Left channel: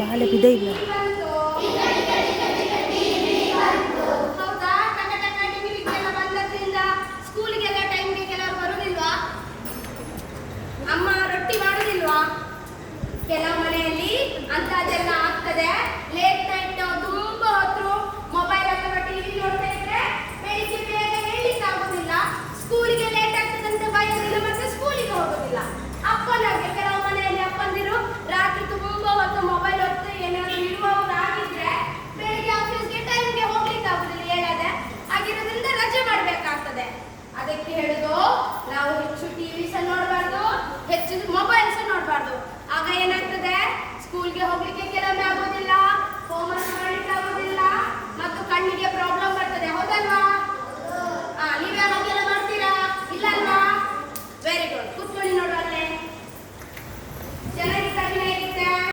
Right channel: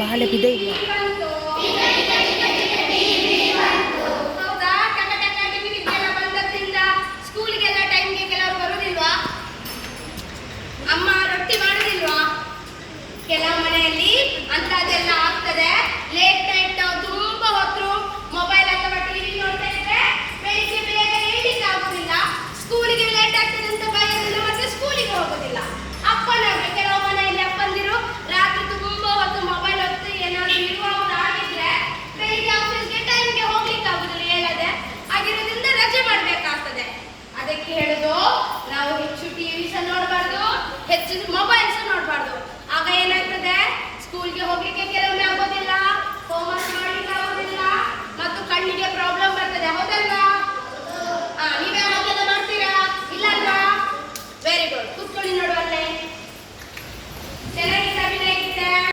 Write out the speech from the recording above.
ಬಾಳೆ ಬಿದೆ ಇಲ್ಲ. ಹೌದಾ? ಟಿವಿಗೆಲ್ಲ ಬಂದದ್ರಿಂದ ಸ್ಕೂಲಿಗೆಲ್ಲ ಟೈಮ್ಗೆ ಕೆಲವರು ಬರುದಿಲ್ವಾ? ಅಮ್ಮ ರೊಟ್ಟಿ ಮಾಡುದಿಲ್ವಾ? ಕೆಲವು ಮನೆಯಲ್ಲಿ ಅಂತದೆಲ್ಲ ಆಗ್ತದೆ. ಲೇಟ್ ನೈಟ್ ತುಂಬಾ ಹೊತ್ತು ಮೊಬೈಲ್ ಅಥವಾ ಟಿವಿ ನೋಡ್ತಾ ಇದ್ರೆ ಬೆಳಿಗ್ಗೆ ಬೇಗ ಏಳ್ಲಿಕ್ಕೆ ಆಗುದಿಲ್ಲ. ಸ್ಕೂಲಿಗೆ ಲೇಟ್ ಆಗ್ತದೆ ಅಂತ ಭಯದಿಂದ ಮತ್ತೆ ಸ್ಕೂಲಿಗೆ ಹೋಗುದಿಲ್ಲ. ಅಪ್ಪನವ್ರು ಕೆಲವು ಮನೆಯಲ್ಲಿ ಅಪ್ಪಂದಿರು ರಾತ್ರಿ ತುಂಬಾ ಹೊತ್ತು ಮೊಬೈಲ್ ಹೊತ್ತು ಏನಾದ್ರು ಇಡುವುದಾಗಿದ್ರೆ ಬೆಳಿಗ್ಗೆ ಆಫೀಸ್ಗೆ ಟೈಮ್ಗೆ ಹೋಗ್ಲಿಕ್ಕೆ ಆಗುದಿಲ್ಲ, ಹೇಳದೆ ಆಗಿರೋದ್ರಿಂದ ರಜೆ ಮಾಡ್ಬೇಕಾಗ್ತದೆ. ಅದಕ್ಕೆ ಹೇಳುದು ನಾವು ಹೆಚ್ಚು ಟಿವಿ ಸಹ ನೋಡಬಾರ್ದು, ಹೆಚ್ಚು ಮೊಬೈಲ್ ಸಹ ನೋಡಬಾರ್ದು. ಆಗ ಏನಾಗ್ತದೆ, ಸ್ಕೂಲ್ಗೆ ಹೋಗ್ಲಿಕ್ಕೆ